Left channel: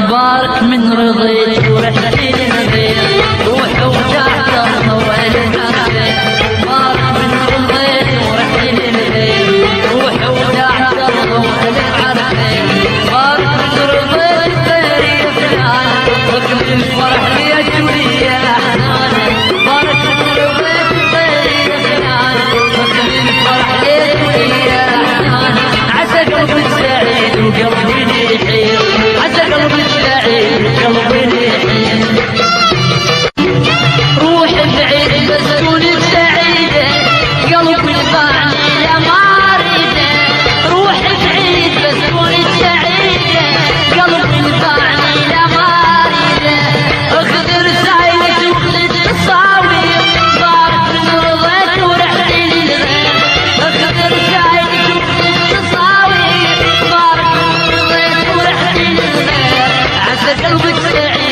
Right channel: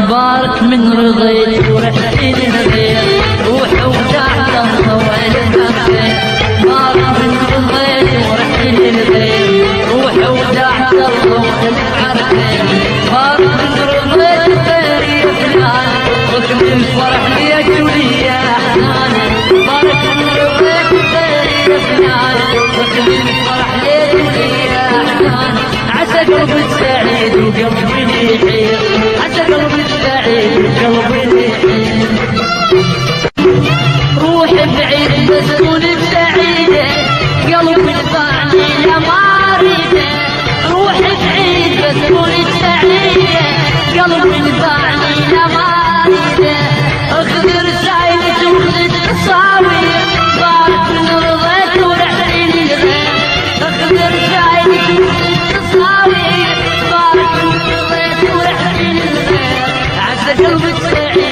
بارك من رضيت ورحتي للغير روح وجعت الله العافية بارك من رضيت ورحتي للغير روح وجعت الله العافية بارك من رضيت غيري فلان حكم الفرح لي ويا احزاني بارك من رضيت غيري فلان حكم الفرح لي ويا احزاني عسى قلبك سعيد وقلبي يحير عسى قلبك سعيد وقلبي يحير روح بعيد بس كوني سعيدة قلبي باعني يا ماريدة روح بعيد بس كوني سعيدة قلبي باعني يا ماريدة اخذ رسايلك وخذ تصاوير بارك من رضيت ورحتي للغير اخذ رسايلك وخذ تصاوير بارك من رضيت ورحتي للغير عسى قلبك سعيد